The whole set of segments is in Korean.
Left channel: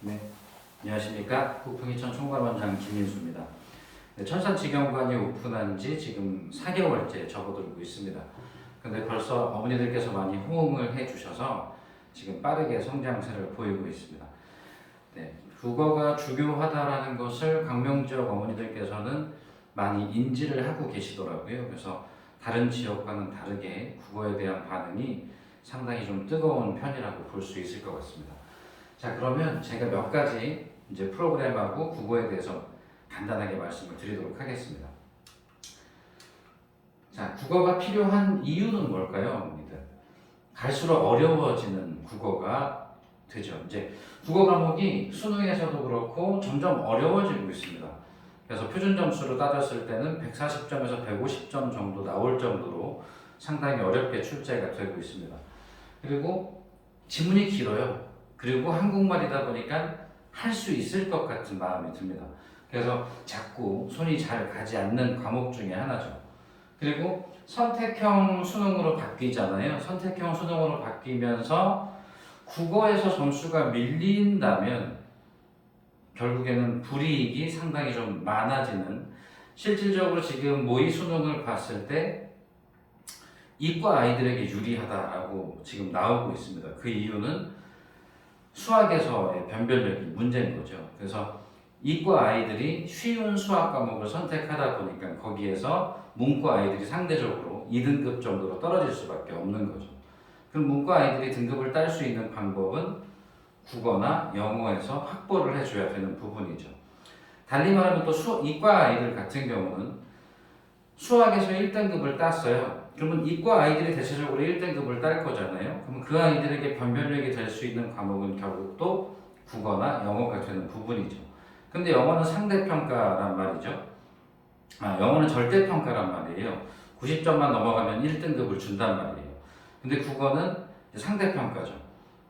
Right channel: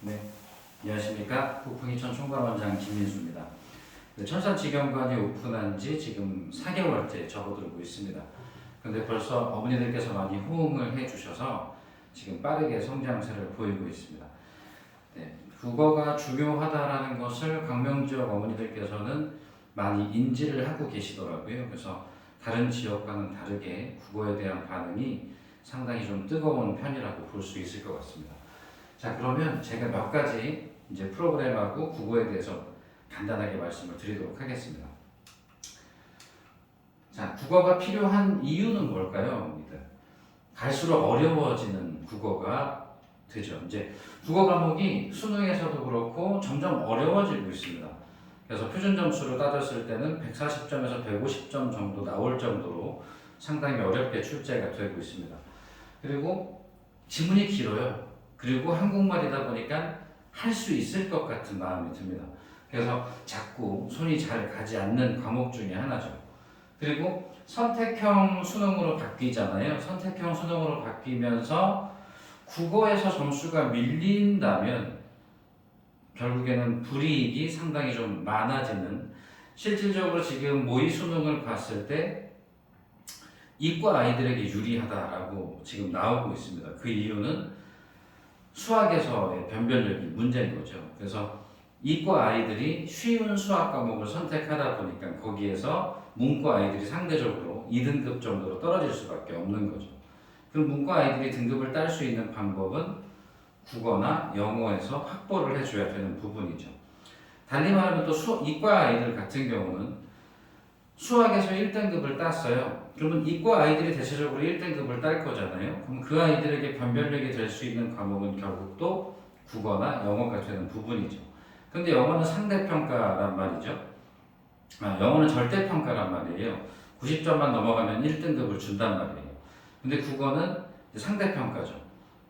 네, 안녕하십니까. 부풍이천 총괄원장 김민수입니다. 네, 천산직영관이 오픈한 지 지금 4개월째 접어들고 있습니다. 근데 벌써 어머니들께서 많이 호응을 해주셔서 지금 빠르게 성장세를 보이고 있습니다. 네, 국어가 중요하다라는 것을 광명지역 어머니들께서는 많이 인지를 하고 계시더라고요. 그래서 다른 지역과는 다르게 국어에 대한 반응이 상당히 좀 뜨거운 편이라고 볼 수 있을 것 같습니다. 자, 그러면 제가 몇 가지 이제 프로그램하고 국어에 대해서 간단하게 말씀을 드리도록 하겠습니다. 자, 국어가 필요한 이유는 뭘까요, 어머니들? 갈수록 어려워지는 국어가 되죠. 이제 국어 과목이 수능에서도 그렇고 점점 어려워지고 있습니다. 그래서 표준 점수로 따졌을 때는 140점에서 150점 정도 나올 정도로 상당히 어렵게 출제가 되고 있습니다. 그리고 지문이 길어요. 그리고 한국말이다 보니까 할 수 있을 것 같은 마음이 듭니다. 그래서 자꾸 손이 잘 가지 않는 과목 중에 하나죠. 그리고 선택형 수능으로 바뀌잖아요. 선택형 수능으로 바뀌면서 국어에서 점수가 밀린다면 결국에는 불이익이 상당히 좀 많아지는, 실질적으로 지금 모의 수능을 봤을 때 이과 아이들에게 유리하다라고 지금 나오고 있습니다. 그 이유는 수학에서의 변별력이 문제인 거죠. 그래서 이과 아이들이 쉬운 수학 과목을 선택하다 보니까 거기에서 문과 아이들이 상대적으로 2등급 정도로 떨어질 수밖에 없는 거죠. 그럼 문과 아이들이 등급을 딸 수 있는 방법은 국어나 영어에서 확보를 해줘야 되는 부분이죠. 달리 말하면 또 이과 아이들 같은 경우는 수학에서 1등급을 땄어요. 그러면 이과 아이들이 대체적으로 1등급을 딸 거잖아요. 그럼 그 아이들에게 변별력이 될 수 있는 과목은 결국 또 국어나 영어가 되는 부분이죠. 근데 영어는 상대평가란 말이죠. 영어는 절대평가란 말이에요. 90점만 넘어가면 1등급을 준단 말이에요. 근데 국어는 상대평가죠.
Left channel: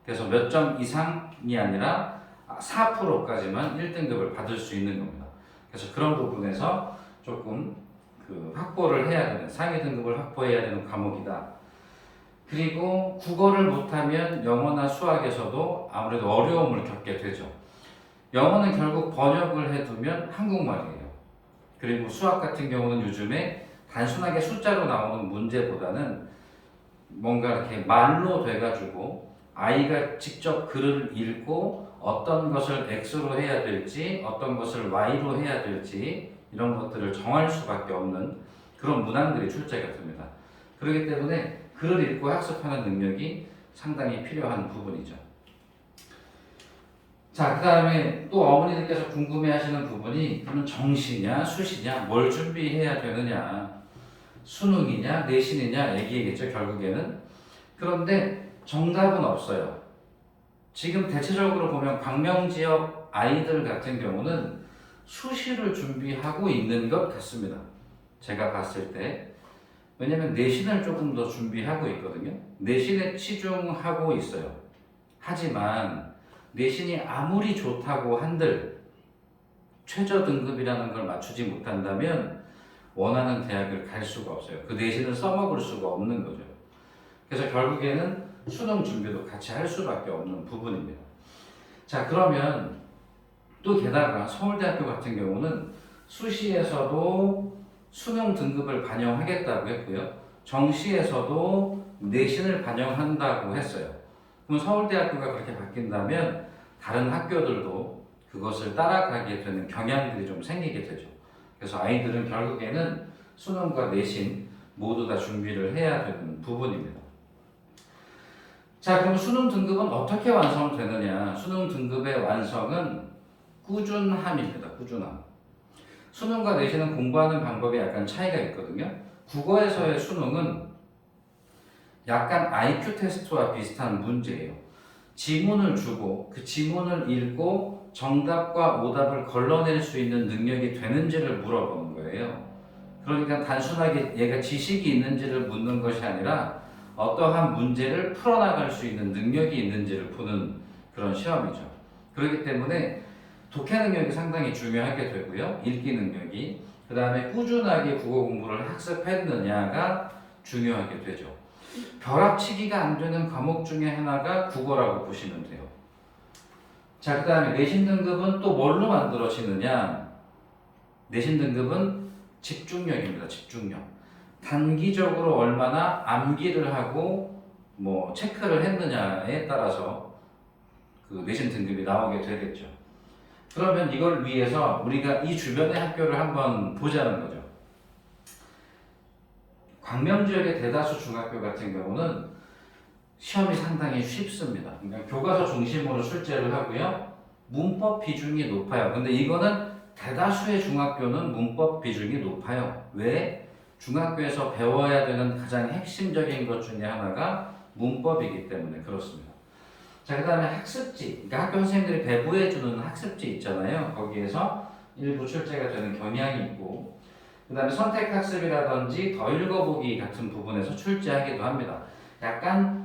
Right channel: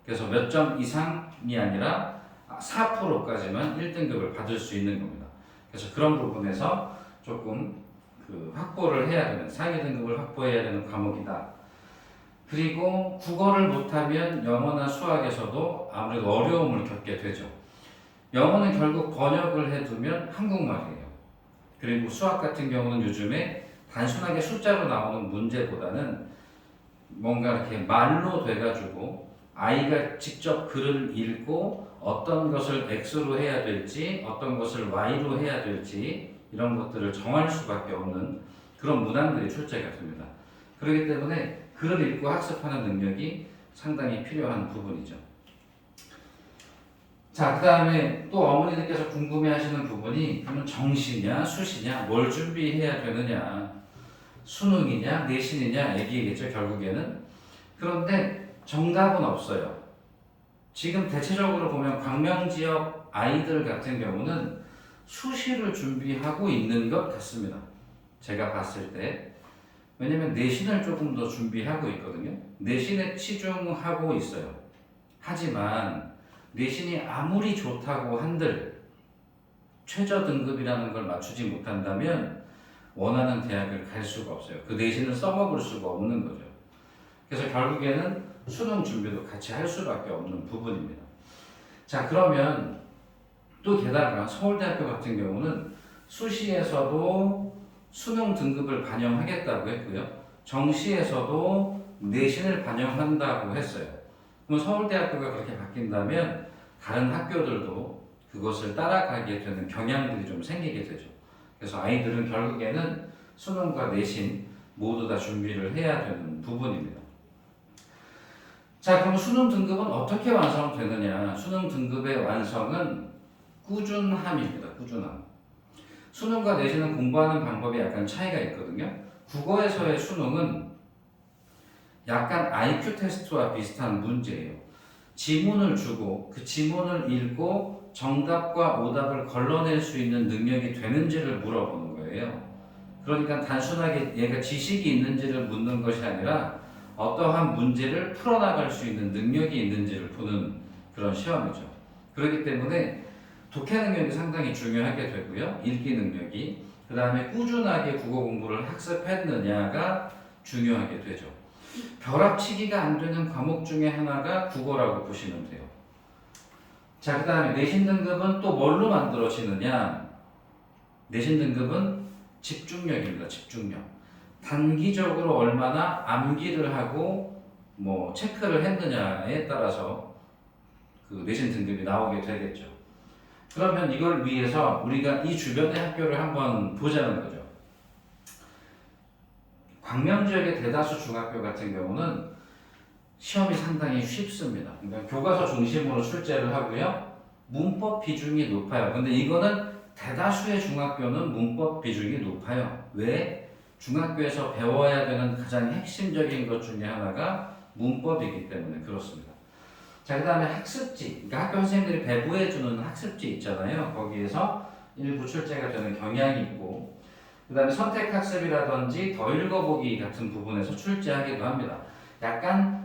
그래서 몇 점 이상이 아니라 4%까지만 1등급을 받을 수 있는 겁니다. 그래서 그런 부분에서 조금 확보를 해야 되는, 상위 등급을 확보해야 되는 과목이다. 그리고 국어를 못하면 영어나 수학에서도 아무래도 어려움을 겪게 되죠. 영어는 결국 번역을 해두면 한국말이에요. 그리고 수학 같은 경우는 요즘에 단순하게 숫자로 나오는 문제보다는 뭔가 이렇게 말로 돼가지고 아이가 직접 글을 읽고 어떤 것을 X로 해야 될지 어떤 것을 Y로 해야 될지 이런 것들을 정할 수밖에 없는 그런 문항들이 출제가 됩니다. 그렇기 때문에 글을 읽고 학습하는 능력이 상당히 필요한 부분이죠. 자, 그 다음에 또 어머니들께서 궁금해하시는 부분이 그럼 정시냐 수시냐 뭘 준비해야 되느냐, 수능이냐 내신이냐 얘기겠죠 결국에는. 그런데 정답은 없어요. 지금 대체적으로 보면 광명지역 아이들 같은 경우는 수시를 준비하고 있는 것 같습니다. 제가 봤을 때. 왜냐면 내신을 조금 더 준비하고 있거든요. 내신에 치중하고 있어요. 하지만 내신이 아무리 좋다고 한들 최저 등급이라는 걸 맞추지 못한다면 원하는 대학을 갈 수가 없어요. 그 내신을 써먹을 수가 없는 거죠. 그래서 결국에는 수능 준비도 같이 할 수밖에 없는 부분입니다. 자, 그러면 또 게다가 서울대학교 같은 경우는 수시에서도 수능 등급을 반영하겠다고 했고요. 정시에서도 내신을 반영한다고 했어요. 그럼 서울대학교가 그렇게 바뀐다면 다른 학교들도 그것을 따라가게 되는 경향들이 좀 생기게 되죠. 그래서 아이들은 결국에는 수능과 내신 모두 다 준비를 해야 되는 부분입니다. 자, 그럼 수능 등급은 어떻게 완성되느냐? 수능 등급의 완성은 꾸준함입니다. 꾸준함. 수능과 내신은 공부하는 방법에 약간 차이가 있거든요. 국어에서의 수능은 약간 IQ 테스트와 비슷한 문제예요. 지문을 주고 그 지문을 읽고 정답과 오답을 걸러낼 수 있는 능력이 되는지를 물어보는 거예요. 그러니까 단순하게 얘가 지식이 있는지를 묻는 것이 아니라 어떠한 문제를 풀어나갈 수 있는 능력이 있는지를 보는 그런 시험이죠. 그렇기 때문에 독해 능력이 상당히 중요하게 되고요. 읽기 능력이. 그 다음에 꾸준하게 국어 공부를 학습했느냐가 중요하게 되죠. 벼락치기가 안 되는 과목 중에 하나가 국어라고 보시면 돼요. 자, 그 다음에 내신 등급은 또 뭘로 만들어지느냐? 내신 등급은 집중력입니다. 집중력. 단기적으로 얼마나 암기를 하고 뭐 체크를 했느냐에 따라서 그 내신 등급이 나오게 되겠죠. 그러면 이걸 위해서 우리가 이 주변의 학교를 한번 보자는 거죠. 광명 지역의 대다수 중학교 같은 경우는 시험이 상당히 쉽습니다. 그러니까 교과서 중심으로 출제를 하고요. 문법 비중이 높아요. 근데 이거는 대다수의 중학교는 문법 비중이 높아요. 왜? 중학교에서 배워야 되는 가장 핵심적인 것 중에 하나가 문법이기 때문에 그렇습니다. 자, 그 다음에 학습지. 그러니까 학교 선생님들이 배부해주는 학습지 있잖아요. 거기에서 일부 출제가 되는 경향이 있고, 그 다음에 선택학습이라든지 더 읽어보기 같은 부분에서 출제하기도 합니다. 약간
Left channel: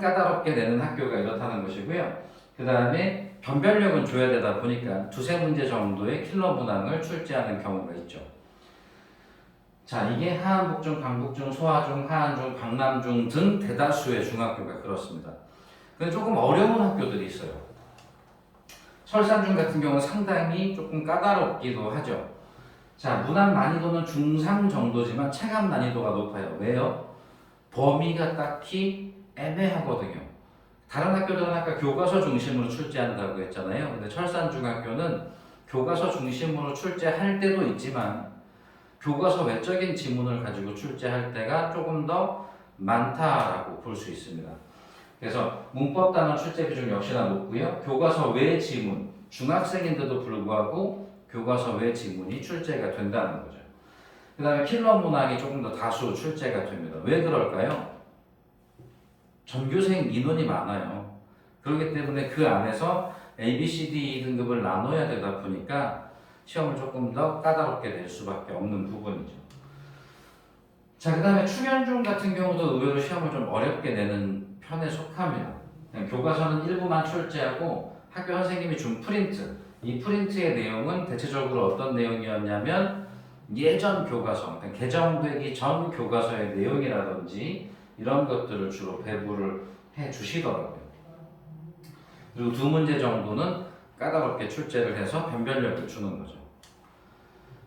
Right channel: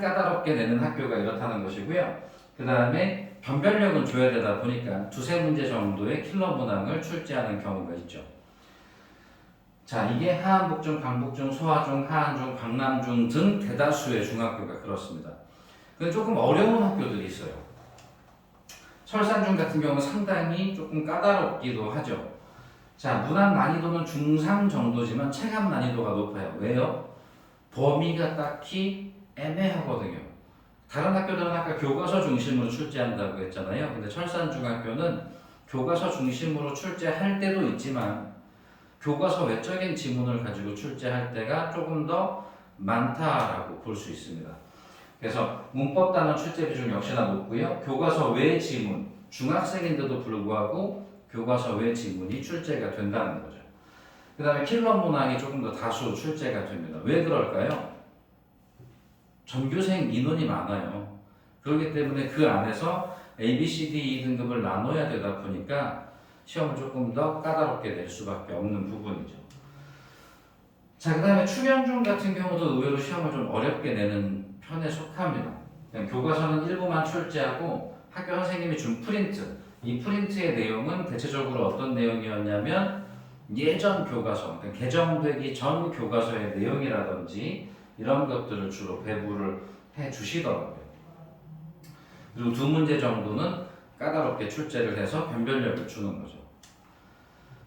까다롭게 내는 학교가 이렇다는 것이고요. 그 다음에 변별력은 줘야 되다 보니까 두세 문제 정도의 킬러 문항을 출제하는 경우가 있죠. 자, 이게 하안, 북중, 강북중, 소하중, 하안중, 광남중 등 대다수의 중학교가 그렇습니다. 근데 조금 어려운 학교들이 있어요. 설산중 같은 경우는 상당히 조금 까다롭기도 하죠. 자, 문항 난이도는 중상 정도지만 체감 난이도가 높아요. 왜요? 범위가 딱히 애매하거든요. 다른 학교들은 아까 교과서 중심으로 출제한다고 했잖아요. 근데 철산중학교는 교과서 중심으로 출제할 때도 있지만 교과서 외적인 지문을 가지고 출제할 때가 조금 더 많다라고 볼 수 있습니다. 그래서 문법 단원 출제 비중 역시나 높고요. 교과서 외 지문, 중학생인데도 불구하고 교과서 외 지문이 출제가 된다는 거죠. 그 다음에 킬러 문항이 조금 더 다수 출제가 됩니다. 왜 그럴까요? 전교생 인원이 많아요. 그렇기 때문에 그 안에서 A, B, C, D, E 등급을 나눠야 되다 보니까 시험을 조금 더 까다롭게 낼 수밖에 없는 부분이죠. 자, 그 다음에 충현중 같은 경우도 의외로 시험을 좀 어렵게 내는 편에 속합니다. 그냥 교과서는 일부만 출제하고 학교 선생님이 준 프린트, 이 프린트의 내용은 대체적으로 어떤 내용이었냐면 예전 교과서, 그러니까 개정되기 전 교과서의 내용이라든지 이런 것들을 주로 배부를 해 주시더라고요. 그리고 두 문제 정도는 까다롭게 출제를 해서 변별력을 주는 거죠.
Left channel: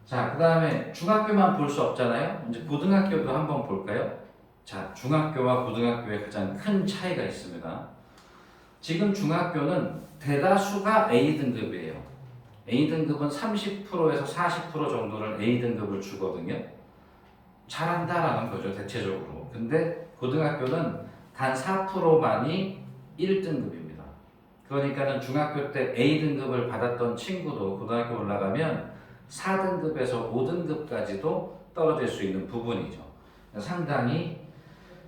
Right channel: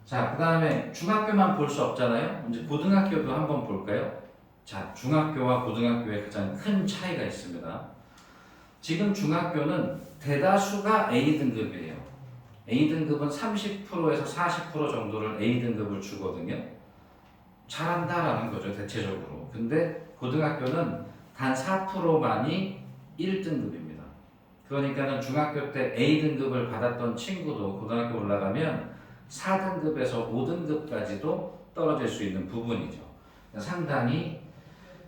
자, 그 다음에 중학교만 볼 수 없잖아요. 이제 고등학교도 한번 볼까요? 자, 중학교와 고등학교의 가장 큰 차이가 있습니다. 지금 중학교는 대다수가 A등급이에요. A등급은 30%에서 40% 정도를 A등급을 주거든요. 잘한다라는 거죠, 대체적으로. 근데 고등학교는 단 4%만이 1등급입니다. 그러니까는 중학교 때 A등급을 받았던 친구도 고등학교 올라가면 4등급에서 5등급까지도 떨어질 수 있는 부분이죠. 상당히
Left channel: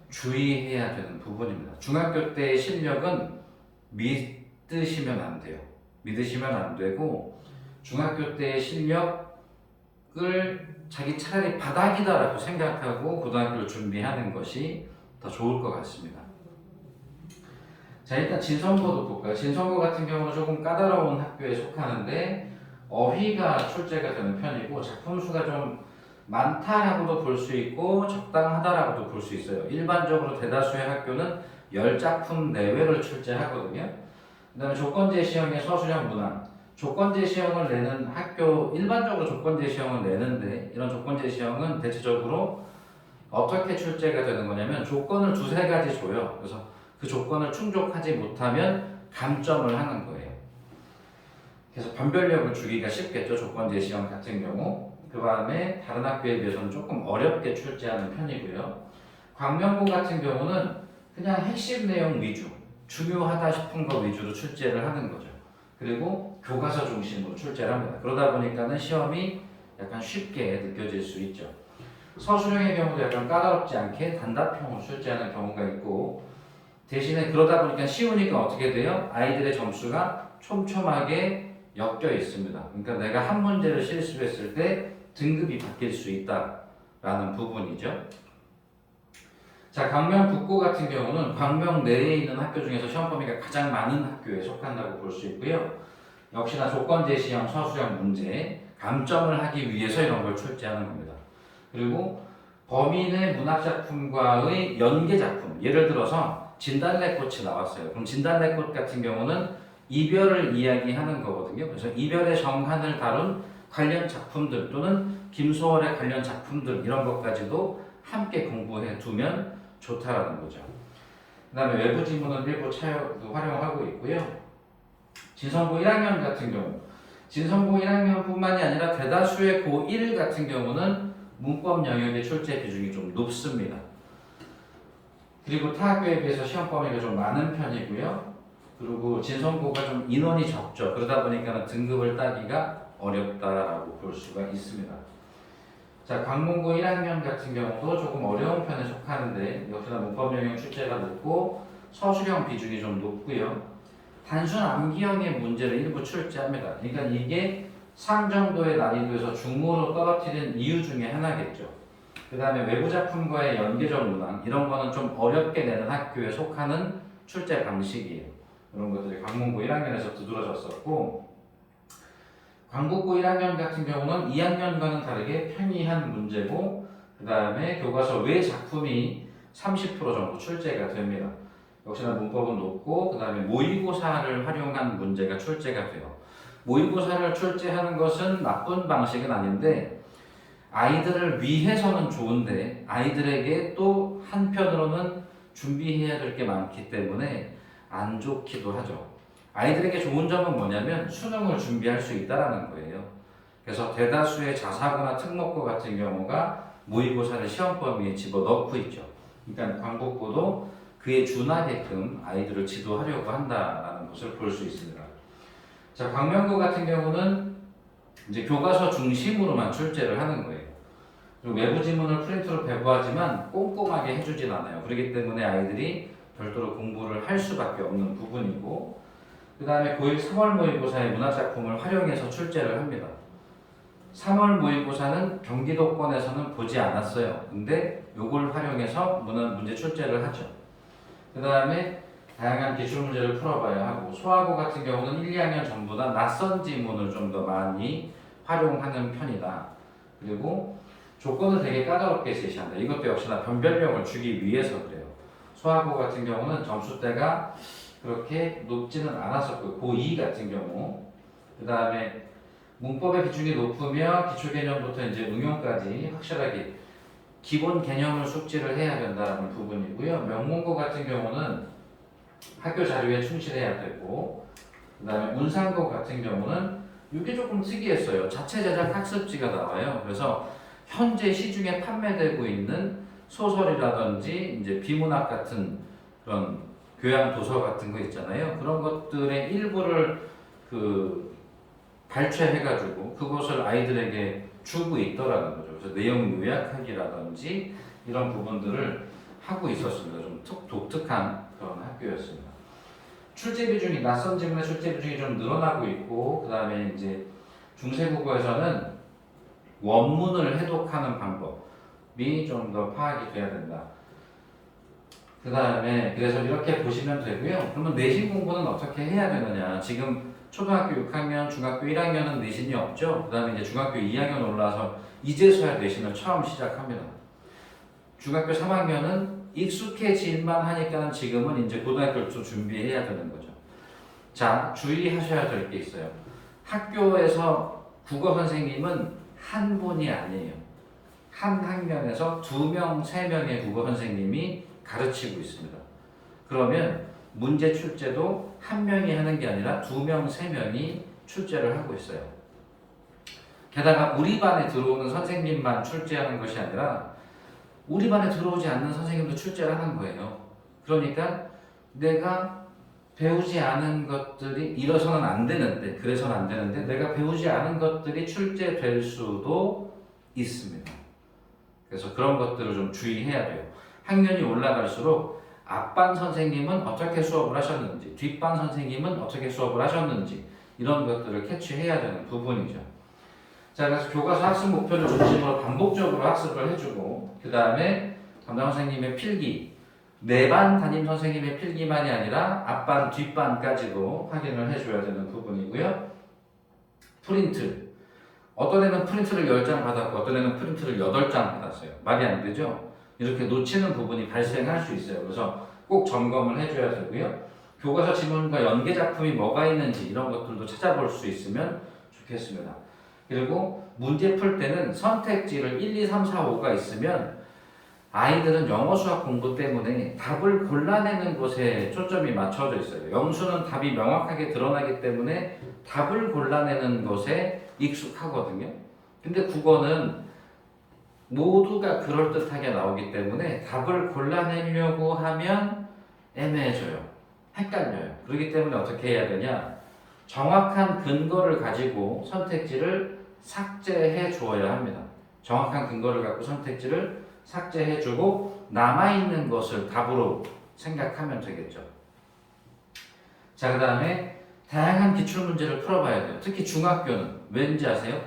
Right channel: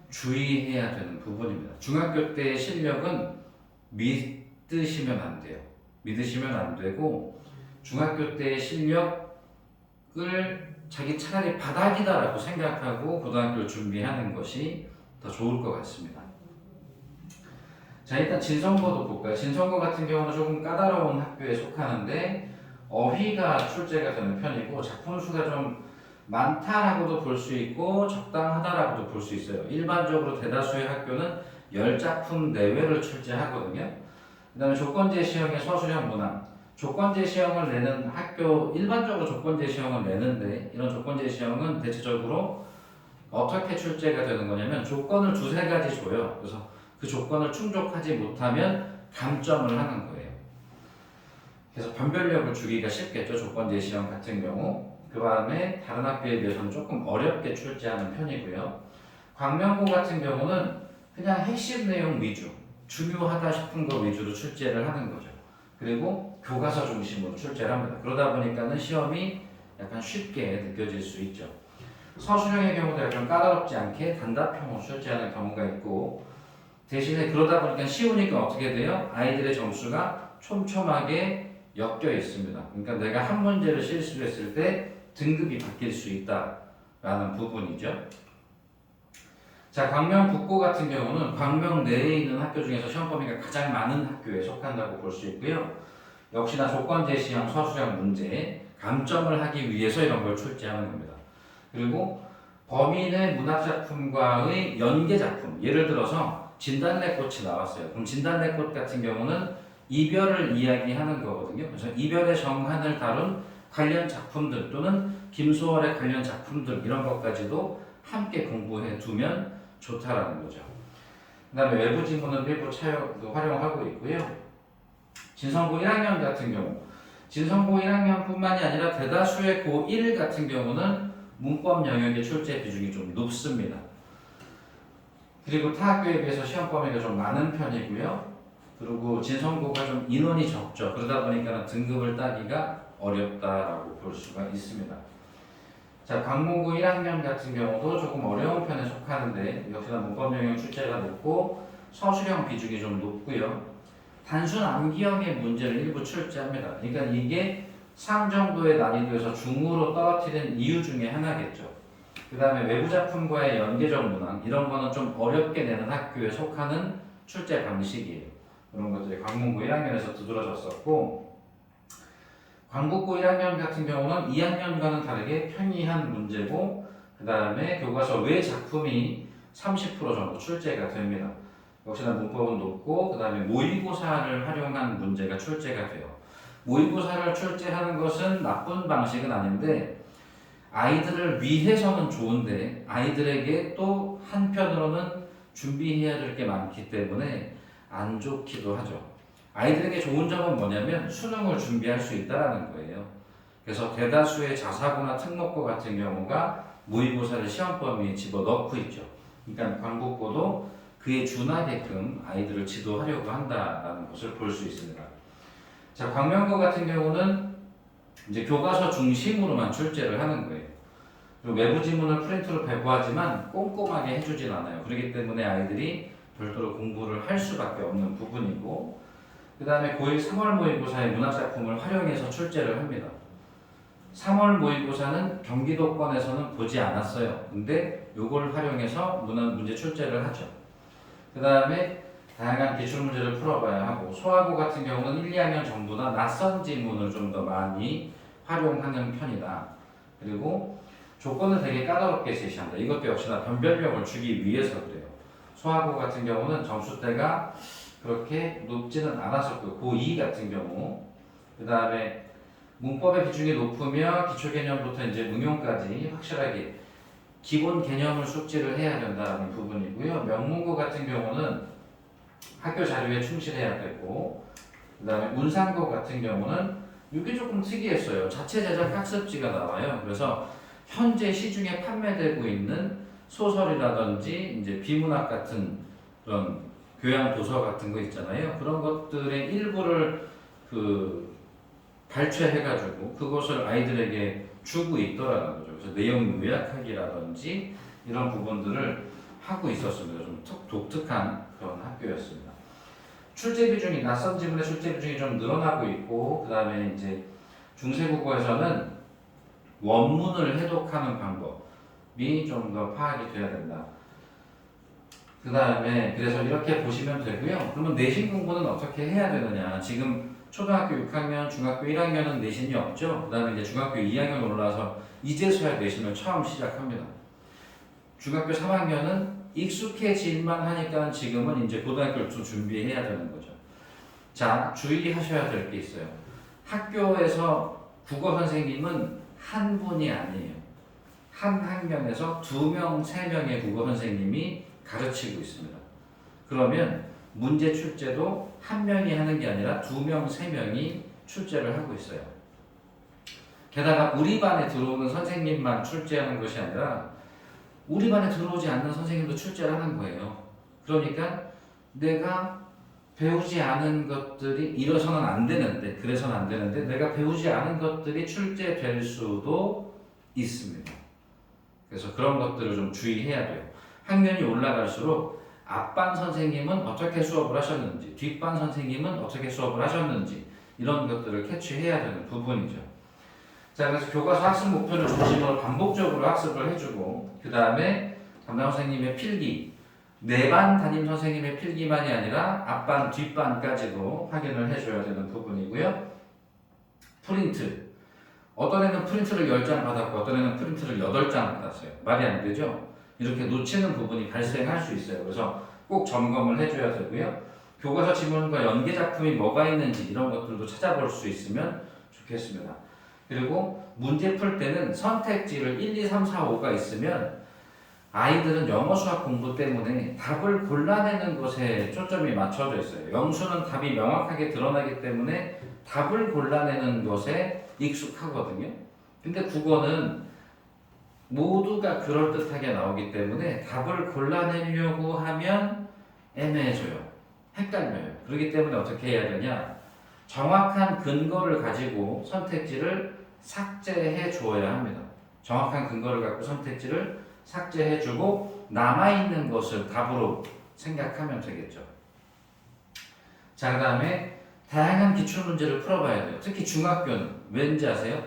주의해야 되는 부분입니다. 중학교 때의 실력은 믿으시면 안 돼요. 믿으시면 안 되고 중학교 때의 실력을 자기 차라리 바닥이다라고 생각하고 고등학교를 준비하는 것이 더 좋을 것 같습니다. 자, 일단 진성고도 볼까요? 진성고 같은 경우는 조금 까다로운 학교에 속하는데 어휘가 출제가 되는 편이고 작품 수가 좀 많다라고도 볼 수 있고 적당하다라고도 볼 수 있어요. 일반적으로 대다수의 학교는 10작품 내외를 출제하거든요. 그 다음에 조건제 시형의 서술형 문항, 조건제 시형을 내는 학교, 일반적으로 조건제 시형을 내는데 이런 조건제 시형은 대체적으로 어떻게 출제가 되는 거냐면 조건을 두세 가지 줘요. 그래서 그 조건을 충족하지 못하면 감점을 하는 거예요. 그래서 변별력을 주기가 쉽겠죠. 조건제 시형 같은 경우. 그 다음에 다른 학교에 비해서는 조금 어렵게 출제하는 편이고요. 광명고 같은 경우는 그냥 핵심 내용 위주, 중요하다 싶은 거 위주로 출제를 하는 거죠. 그리고 교과서 중심으로 출제를 합니다. 그러다 보니까는 시험이 약간 쉽게 느껴질 수 있죠. 서술형의 경우도 약간 까다롭지 않게 단답형으로 출제하는 경우가 있고 대신에 그러다 보니까 쉬우니까 어떻게 돼요? 아이들의 점수가 촘촘하게 엮여 있습니다. 그러니까 내가 한 문제를 실수했을 때 등급이 바뀔 수 있다라는 부분이죠. 자, 광명 북고 같은 경우는 광명 내에 있는 학교 중에서 시험 범위가 가장 많은 학교에 속한다고 볼 수 있고요. 역시나 조건제 시형, 서술형 문제, 감점을 하기 위해서 이런 걸 출제하는 겁니다. 그리고 범인의 문학작품과의 연계작품, 예를 들어서 진달래꽃이 나왔어요. 그럼 진달래꽃 같은 경우는 이별을 이야기하는 거거든요. 그래서 이별의 정한을 다룬 관련 작품들 또는 김소월의 관련 작품들 이런 것까지도 함께 공부해 두면 좋다라는 거죠. 그 다음에 외부 지문은 일부 활용하고 있고요. 진성고 1학년 같은 경우 진성고 1학년뿐만이 아니라 대다수의 고1 같은 경우는 문법 영역의 출제 비중이 좀 높습니다. 그리고 타 학교에 비해서 시험 범위가 좀 많은 편이고요. 그리고 진성고가 좀 인원이 적죠. 그러다 보니까 등급을 따기가 어렵다라고 볼 수가 있습니다. 자, 강문고 1학년 같은 경우도 조금 어려운 편에 속하는데 역시나 문법 영역 출제가 높고 서술형 비중이 좀 높고요. 단순 암기형의 문제를 일부 출제합니다. 그러니까 이게 상 정도의 난이도에서 중으로 떨어뜨리는 이유 중에 하나겠죠. 그 다음에 외부 작품과의 연계적 문항 이런 거는 좀 어렵게 내는 학교에 속하는 출제 방식이에요. 그런 것들이 강문고 1학년에서 두드러졌었고 광복고 1학년 같은 경우는 2학년과는 다르게 편의한 문제고 그 다음에 교과서 외 작품이 30% 정도 출제가 됩니다. 역시나 문법은 높고 그 다음에 모의고사를 활용한 문제가 출제가 돼요. 모의고사를 출제하는 것은 나쁜 방식은 아닌데 아이들을 위해서는 좋은데 아이들에게 또 한편으로는 준비해야 될 게 많기 때문에 안 좋기도 하죠. 아이들에게 좋은 점은 뭐냐면 수능을 준비할 수 있다는 거예요. 그래서 대다수의 자사고나 특목고 같은 경우가 모의고사를 시험 범위에 집어넣고 있죠. 그러니까 광복고도 그에 준하게끔 아이들을 지도하려고 한다라는 것을 볼 수 있습니다. 자, 광명고 같은 경우는 이제 교과서 중심으로만 출제를 하는 거예요. 그리고 외부 지문을 프린트로 배부하지만 꼼꼼하게 해주진 않아요. 그렇기 때문에 아이들이 별도로 공부를 할 수밖에 없는 부분이고 그 다음에 고1 3월 모의고사의 문학작품을 활용해서 출제를 합니다. 3월 모의고사는 경기도권에서는 보지 않았어요. 근데 요걸 활용해서 문제 출제를 하죠. 그 다음에 다양한 기출문제를 풀어봐야 하고 소화고 같은 경우는 1, 2학년 전부 다 낯선 지문을 좀 더 많이 활용하는 편이다. 그리고 조건을 되게 까다롭게 제시한다. 이것도 역시나 변별력을 주기 위해서 그래요. 소화고 같은 경우는 점수대가 그렇게 높지는 않았었고요. 고2 같은 경우. 그 다음에 문법의 비중이 높으며 기초개념부터 이제 응용까지 확실하게 기본 개념을 숙지를 해야 된다는 부분이고요. 명문고 같은 경우는 학교 자료에 충실해야 되고 그 다음에 문상고 같은 경우는 이게 조금 특이했어요. 자체 제작 학습지가 나와요. 그래서 현재 시중에 판매되고 있는 소설이라든지 이제 비문학 같은 그런 교양 도서 같은 거 있잖아요. 그런 것들의 일부를 발췌해가지고 그것을 아이들에게 주고 있더라는 거죠. 그래서 내용 요약하기라든지 이런 부분들을 하고 있었습니다. 좀 독특한 그런 학교였습니다. 출제 비중이 낯선 지문의 출제 비중이 좀 늘어나고 있고 그 다음에 이제 중세국어에서는 원문을 해독하는 방법이 좀 더 파악이 돼야 된다. 그 다음에 그래서 이렇게 보시면 되고요. 그러면 내신 공부는 어떻게 해야 되느냐? 지금 초등학교 6학년, 중학교 1학년은 내신이 없죠. 그 다음에 이제 중학교 2학년 올라와서 이제서야 내신을 처음 시작합니다. 중학교 3학년은 익숙해질만 하니까는 지금은 이제 고등학교를 좀 준비해야 되는 거죠. 자, 주의하셔야 될 게 있어요. 학교에서 국어 선생님은 한 분이 아니에요. 한 학년에서 2명, 3명의 국어 선생님이 가르치고 있습니다. 그러면 문제 출제도 한 명이 하는 게 아니라 2명, 3명이 출제를 하고 있어요. 게다가 우리 반에 들어오는 선생님만 출제하는 것이 아니라 우리 반에 들어오지 않는 선생님도 출제를 하는 거예요. 그러니까 내가 배우지 않은 것들이 이래서는 안 되는데 그래서는 안 되는데 내가 배우지 않은 것들이 출제될 수도 있습니다. 그래서 그런 것들을 좀 주의해야 돼요. 학년이 올라갈수록 앞반 선생님은 어떻게 수업을 하셨는지 뒷반 선생님은 어떻게 수업을 하셨는지 이런 것들을 캐치해야 되는 부분이죠. 자, 그래서 교과서 학습 목표를 중심으로 반복적으로 학습을 해주고 그 다음에 담당 선생님의 필기 매반 담임 선생님의 필기만이 아니라 앞반 뒷반까지도 확인을 해줘야 되는 부분이고요. 프린트 어떤 애는 프린트를 10장 받았고 어떤 애는 프린트를 8장 받았어요. 말이 안 되죠? 이렇게 놓치는 부분이 발생할 수 있어요. 그래서 꼭 점검을 해줘야 되고요. 교과서 지문과 연계 작품이 뭐가 있는지 이런 것들도 찾아볼 수 있으면 좋겠습니다. 그리고 문제 풀 때는 선택지를 1, 2, 3, 4, 5가 있으면 아이들은 영어 수학 공부 때문에 답을 골라내는 것에 초점이 맞춰져 있어요. 영수는 답이 명확하게 드러나기 때문에 답을 골라내는 것에 익숙하거든요. 근데 국어는 모두가 그럴듯하게 나오기 때문에 답을 골라내려고 하면 애매해져요. 헷갈려요. 그렇기 때문에 어떻게 해야 되냐? 정확한 근거를 가지고 선택지를 삭제해 주어야 합니다. 정확한 근거를 갖고 선택지를 삭제해주고 남아있는 것을 답으로 생각하면 되겠죠. 자, 그 다음에 다양한 기출문제를 풀어봐야 돼요. 특히 중학교는 왠지 아세요?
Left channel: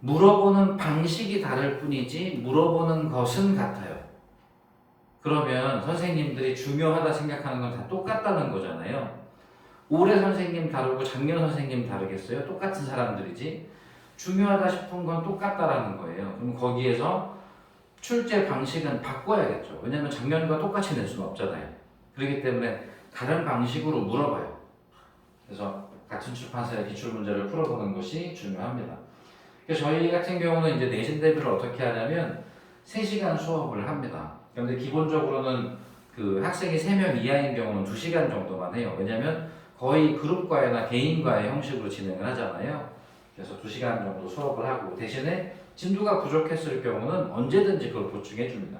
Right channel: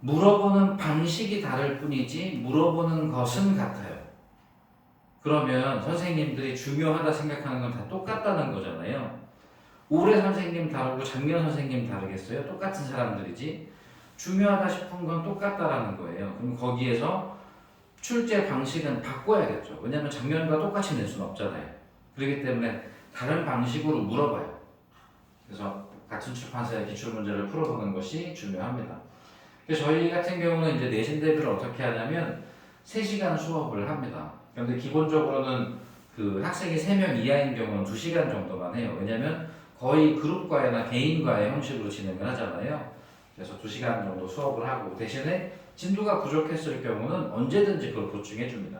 물어보는 방식이 다를 뿐이지 물어보는 것은 같아요. 그러면 선생님들이 중요하다 생각하는 건 다 똑같다는 거잖아요. 올해 선생님 다르고 작년 선생님 다르겠어요? 똑같은 사람들이지. 중요하다 싶은 건 똑같다라는 거예요. 그럼 거기에서 출제 방식은 바꿔야겠죠. 왜냐하면 작년과 똑같이 낼 수는 없잖아요. 그렇기 때문에 다른 방식으로 물어봐요. 그래서 같은 출판사의 기출문제를 풀어보는 것이 중요합니다. 그래서 저희 같은 경우는 이제 내신 대비를 어떻게 하냐면 3시간 수업을 합니다. 그런데 기본적으로는 그 학생이 3명 이하인 경우는 2시간 정도만 해요. 왜냐하면 거의 그룹과외나 개인과외 형식으로 진행을 하잖아요. 그래서 2시간 정도 수업을 하고 대신에 진도가 부족했을 경우는 언제든지 그걸 보충해 줍니다.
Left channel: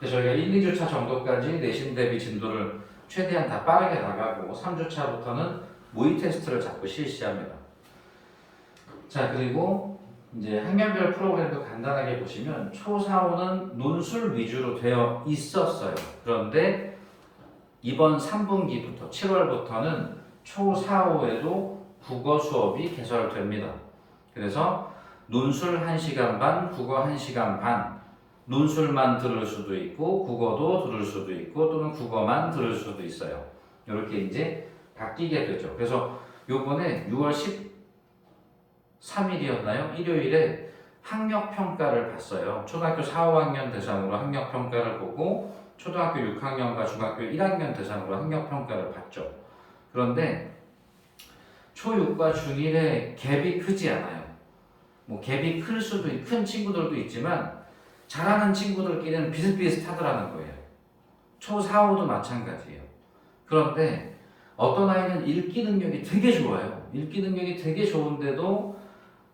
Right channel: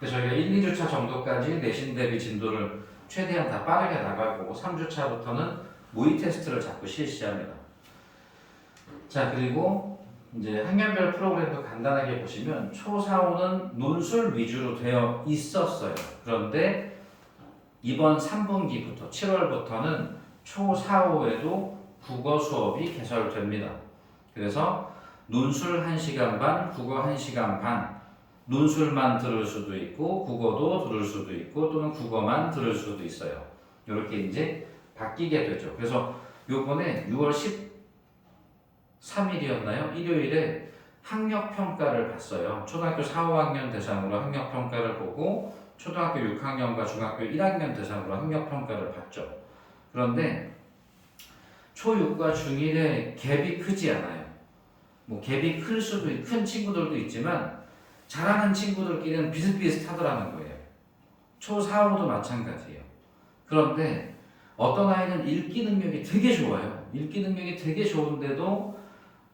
그래서 저희가 1, 2주차 정도까지 내신 대비 진도를 최대한 다 빠르게 나가고 3주차부터는 모의 테스트를 자꾸 실시합니다. 자, 그리고 이제 학년별 프로그램도 간단하게 보시면 초 4, 5는 논술 위주로 되어 있었어요. 그런데 이번 3분기부터 7월부터는 초 4, 5에도 국어 수업이 개설됩니다. 그래서 논술 1시간 반, 국어 1시간 반, 논술만 들을 수도 있고 국어도 들을 수도 있고 또는 국어만 들을 수도 있어요. 이렇게 이제 바뀌게 되죠. 그래서 요번에 6월 13일이었나요? 일요일에 학력평가를 봤어요. 초등학교 4, 5학년 대상으로 학력평가를 보고 초등학교 6학년과 중학교 1학년 대상으로 학력평가를 봤죠. 그런데 초6과 중1의 갭이 크지 않아요. 뭐 갭이 클 수도 큰 친구들도 있지만 잘하는 친구들끼리는 비슷비슷하더라는 거예요. 초 4, 5도 마찬가지예요. 그런데 어떤 아이는 읽기 능력이 되게 좋아요. 읽기 능력이 되게 좋은데도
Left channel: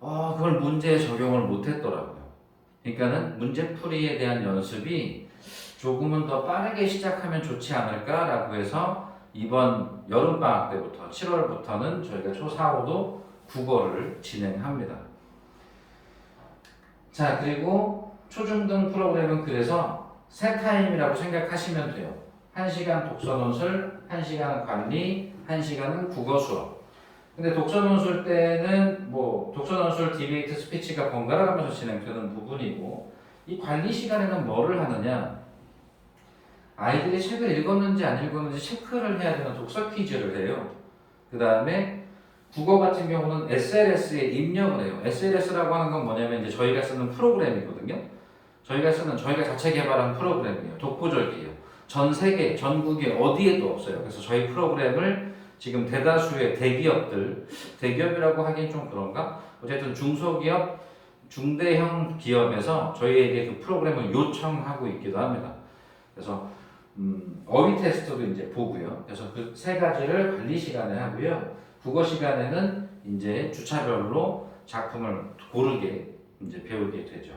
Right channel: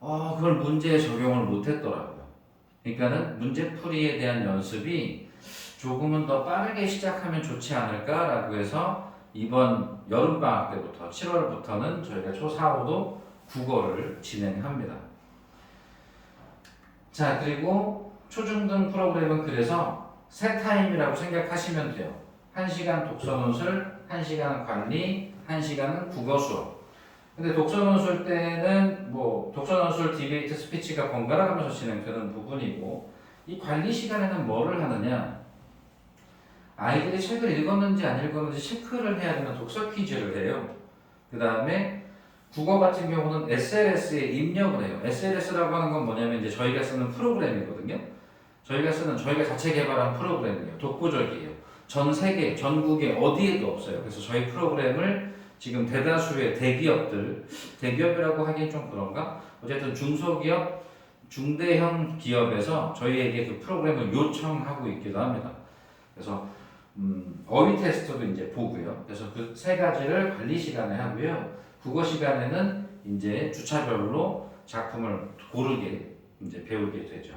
그걸 문제에 적용을 못했더라고요. 그러니까는 문제풀이에 대한 연습이 조금은 더 빠르게 시작하면 좋지 않을까라고 해서 이번 여름방학 때부터 7월부터는 저희가 초 4, 5도 국어를 진행합니다. 자, 그리고 초중등 프로그램은 그래서 세 타임이라고 생각하시면 돼요. 1시간 독서논술, 1시간은 관리, 1시간은 국어 수업. 근데 독서논술 때는 뭐 독서논술 디베이트 스피치가 번갈아 가면서 진행되는 부분이고 이 관리 시간에는 뭐를 하느냐? 아이들이 책을 읽었는지 안 읽었는지 체크를 해야 되는 독서 퀴즈를 해요. 그 다음에 국어 같은 경우는 SLS에 입력을 해요. SLS라고 하는 건 뭐냐면 이제 저희가 쓰는 프로그램이거든요. 저희가 자체 개발한 프로그램이에요. 독보적이에요. 전 세계, 전국에 어디에도 없어요. 그래서 저희 프로그램을 지금 대다수의 대기업이라고 하기엔 좀 그런가? 어쨌든 중소기업, 중대형 기업에서 저희에게 그 프로그램을 요청하고 있기도 합니다. 그래서 어휘 테스트도 이제 보고요. 그래서 그 세 가지를 관리 시간에 하고요. 국어 시간에는 이제 주차별로 작품을 고르게 이제 배우게 되죠.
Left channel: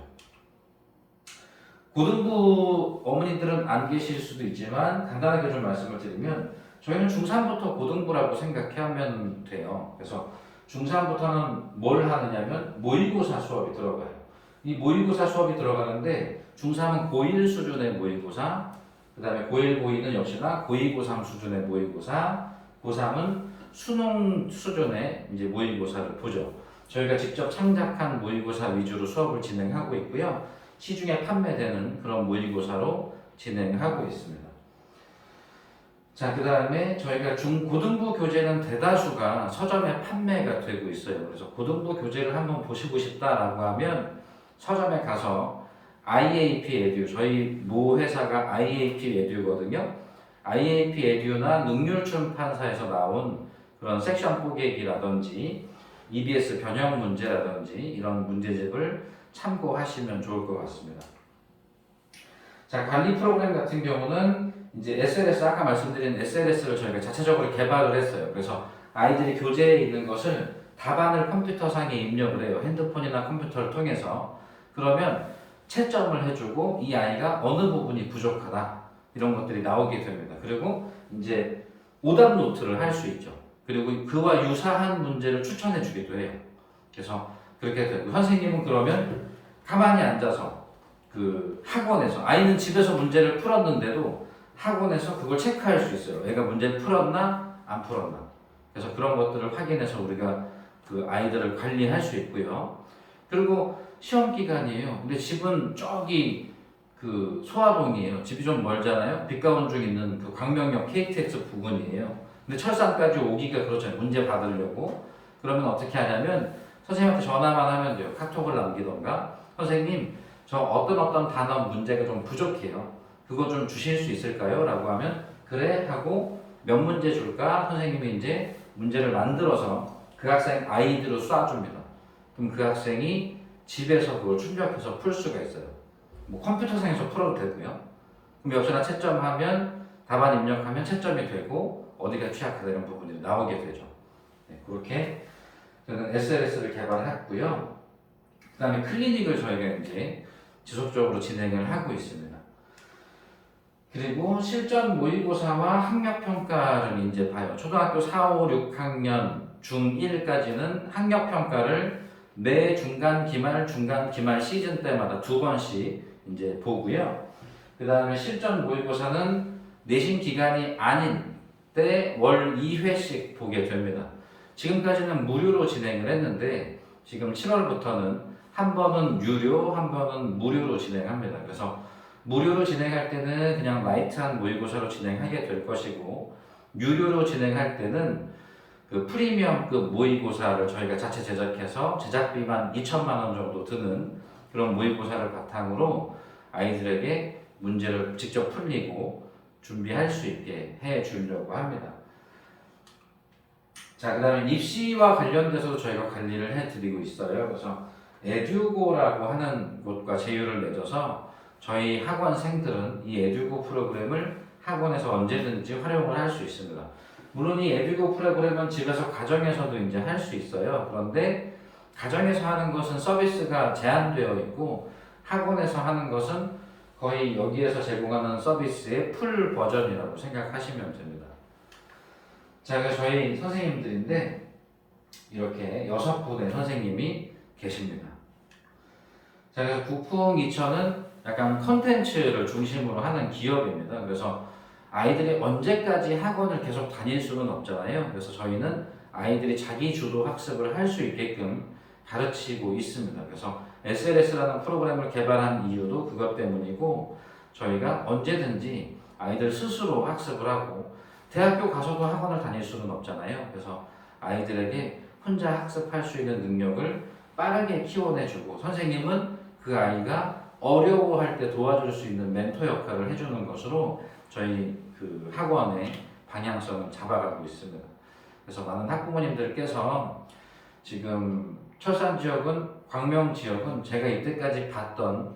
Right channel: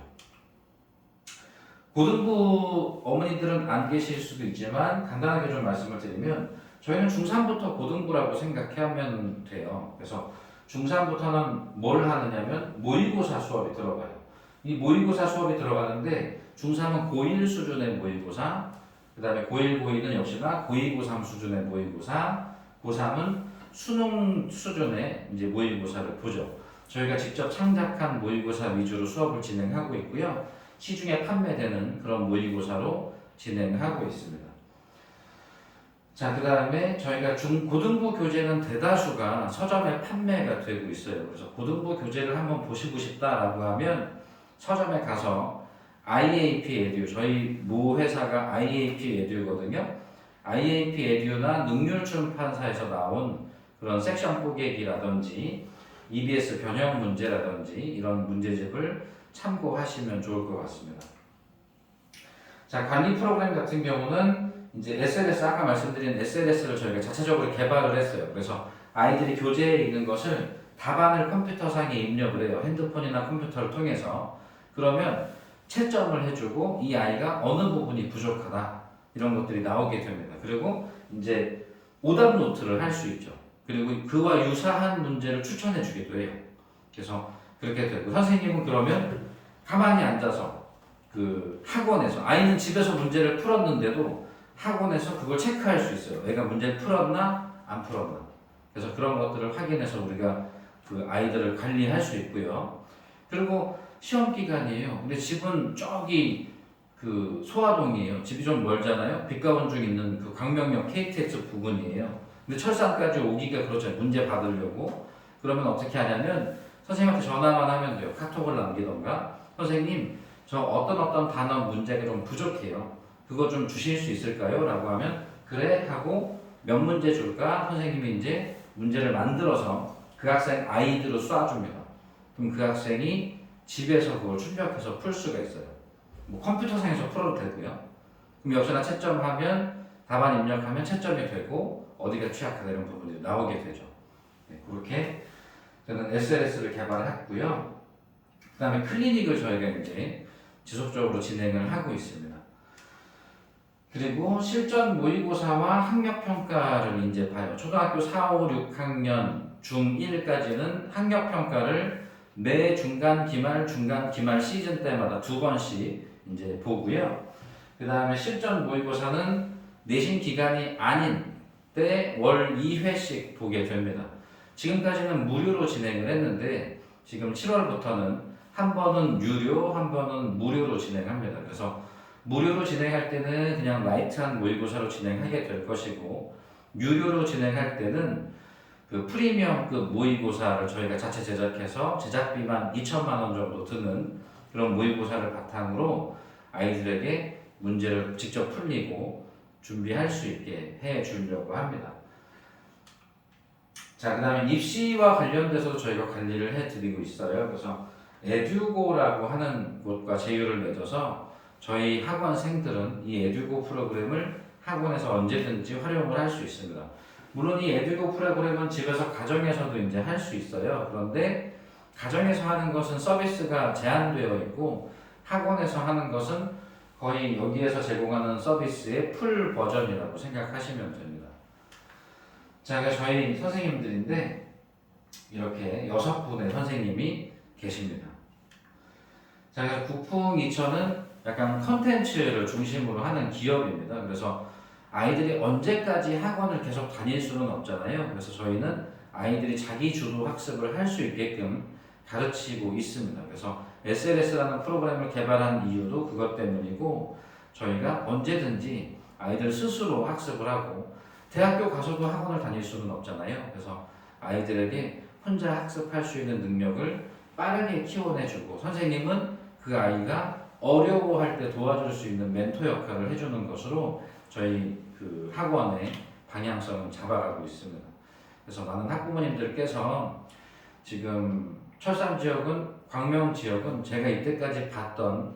고등부 어머니들은 안 계실 수도 있지만 간단하게 좀 말씀을 드리면 저희는 중3부터 고등부라고 생각하면 돼요. 그래서 중3부터는 뭘 하느냐면 모의고사 수업이 들어가요. 이 모의고사 수업이 들어가는데 중3은 고1 수준의 모의고사, 그 다음에 고1, 고2는 역시나 고2, 고3 수준의 모의고사, 고3은 수능 수준의 이제 모의고사를 보죠. 저희가 직접 창작한 모의고사 위주로 수업을 진행하고 있고요. 시중에 판매되는 그런 모의고사로 진행하고 있습니다. 자, 그 다음에 저희가 고등부 교재는 대다수가 서점에 판매가 되고 있어요. 그래서 고등부 교재를 한번 보시고 싶다라고 하면 서점에 가서 IAP 에듀, 저희 모 회사가 IAP 에듀거든요. IAP 에듀나 능률춘 판사에서 나온 그런 섹션 뽀개기라든지 EBS 변형 문제라든지 이런 문제집을 참고하시면 좋을 것 같습니다. 자, 관리 프로그램 같은 경우는 이제 SLS, 아까 말씀드린 SLS를 저희가 자체적으로 개발을 했어요. 그래서 아이들이 교재에 있는 것을 답안을 컴퓨터상에 입력을 해요. 핸드폰이나 컴퓨터를 통해서. 그러면 채점을 해주고 이 아이가 어느 부분이 부족하다 이런 것들이 나오게 됩니다. 그리고 이제 오답 노트를 할 수 있죠. 그리고 그와 유사한 문제를 추천해 주기도 해요. 그래서 그렇게 되고 선생님은 그러면 가만히 앉아서 그 학원에서 아이는 집에서 문제를 풀었는데도 학원에서 그걸 체크할 수 있어요. 애가 문제를 풀었나 안 풀었나. 그래서 그런 것들을 확인해서 우리가 그 아이들을 관리할 수 있고요. 그리고 시험 기간이에요. 근데 집은 저기 그 소화동이에요. 집이 좀 멀잖아요. 빛가원중 있는 그 광명역 KTX 부근이에요. 근데 철산까지 오기가 그렇잖아요. 문제 받으려고. 그러면 어떻게 하냐면 선생님한테 전화만 하면 돼요. 카톡을 남기던가. 선생님, 저 어떤 단어 문제가 좀 부족해요. 그거 좀 주실 수 있을까요? 라고 하면 그래 하고 몇 문제 줄까? 선생님이 이제 문제를 만들어서 그 학생 아이디로 쏴줍니다. 그럼 그 학생이 집에서 그걸 출력해서 풀 수가 있어요. 뭐 컴퓨터상에서 풀어도 되고요. 그럼 역시나 채점하면 답안 입력하면 채점이 되고 어디가 취약하다 이런 부분들이 나오게 되죠. 네, 그렇게 저는 SLS를 개발했고요. 그 다음에 클리닉을 저희가 이제 지속적으로 진행을 하고 있습니다. 그리고 실전 모의고사와 학력평가를 이제 봐요. 초등학교 4, 5, 6학년 중1까지는 학력평가를 매 중간 기말 시즌 때마다 2번씩 이제 보고요. 그 다음에 실전 모의고사는 내신 기간이 아닌 때 월 2회씩 보게 됩니다. 지금까지는 무료로 진행을 했는데 지금 7월부터는 한 번은 유료, 한 번은 무료로 진행합니다. 그래서 무료로 진행할 때는 그냥 라이트한 모의고사로 진행하게 될 것이고 유료로 진행할 때는 그 프리미엄급 모의고사를 저희가 자체 제작해서 제작비만 2천만 원 정도 드는 그런 모의고사를 바탕으로 아이들에게 문제를 직접 풀리고 준비할 수 있게 해 주려고 합니다. 자, 그 다음에 입시와 관련돼서 저희가 관리를 해드리고 있어요. 그래서 에듀고라고 하는 곳과 제휴를 맺어서 저희 학원생들은 이 에듀고 프로그램을 학원에서 언제든지 활용을 할 수 있습니다. 물론 이 에듀고 프로그램은 집에서 가정에서도 이제 할 수 있어요. 그런데 가정에서 하는 것은 서비스가 제한되어 있고 학원에서 하는 것은 거의 여기에서 제공하는 서비스의 풀 버전이라고 생각하시면 됩니다. 자, 그래서 저희 선생님들인데 이렇게 6분의 선생님이 계십니다. 자, 그래서 국풍2천은 약간 컨텐츠를 중심으로 하는 기업입니다. 그래서 아이들이 언제까지 학원을 계속 다닐 수는 없잖아요. 그래서 저희는 아이들이 자기 주도 학습을 할 수 있게끔 가르치고 있습니다. 그래서 SLS라는 프로그램을 개발한 이유도 그것 때문이고 저희가 언제든지 아이들 스스로 학습을 하고 대학교 가서도 학원을 다닐 수는 없잖아요. 그래서 아이들에게 혼자 학습할 수 있는 능력을 빠르게 키워내주고 선생님은 그 아이가 어려워할 때 도와줄 수 있는 멘토 역할을 해주는 것으로 저희 그 학원의 방향성을 잡아가고 있습니다. 그래서 많은 학부모님들께서 지금 철산 지역은 광명 지역은 제가 이때까지 봤던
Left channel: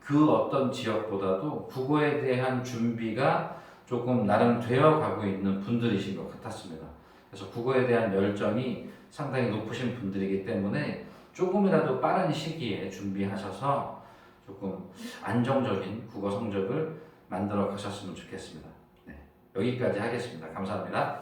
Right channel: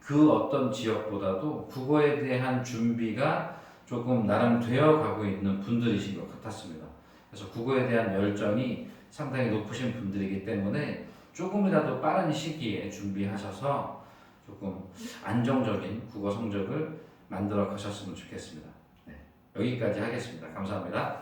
그 어떤 지역보다도 국어에 대한 준비가 조금 나름 되어 가고 있는 분들이신 것 같았습니다. 그래서 국어에 대한 열정이 상당히 높으신 분들이기 때문에 조금이라도 빠른 시기에 준비하셔서 조금 안정적인 국어 성적을 만들어 가셨으면 좋겠습니다. 네, 여기까지 하겠습니다. 감사합니다.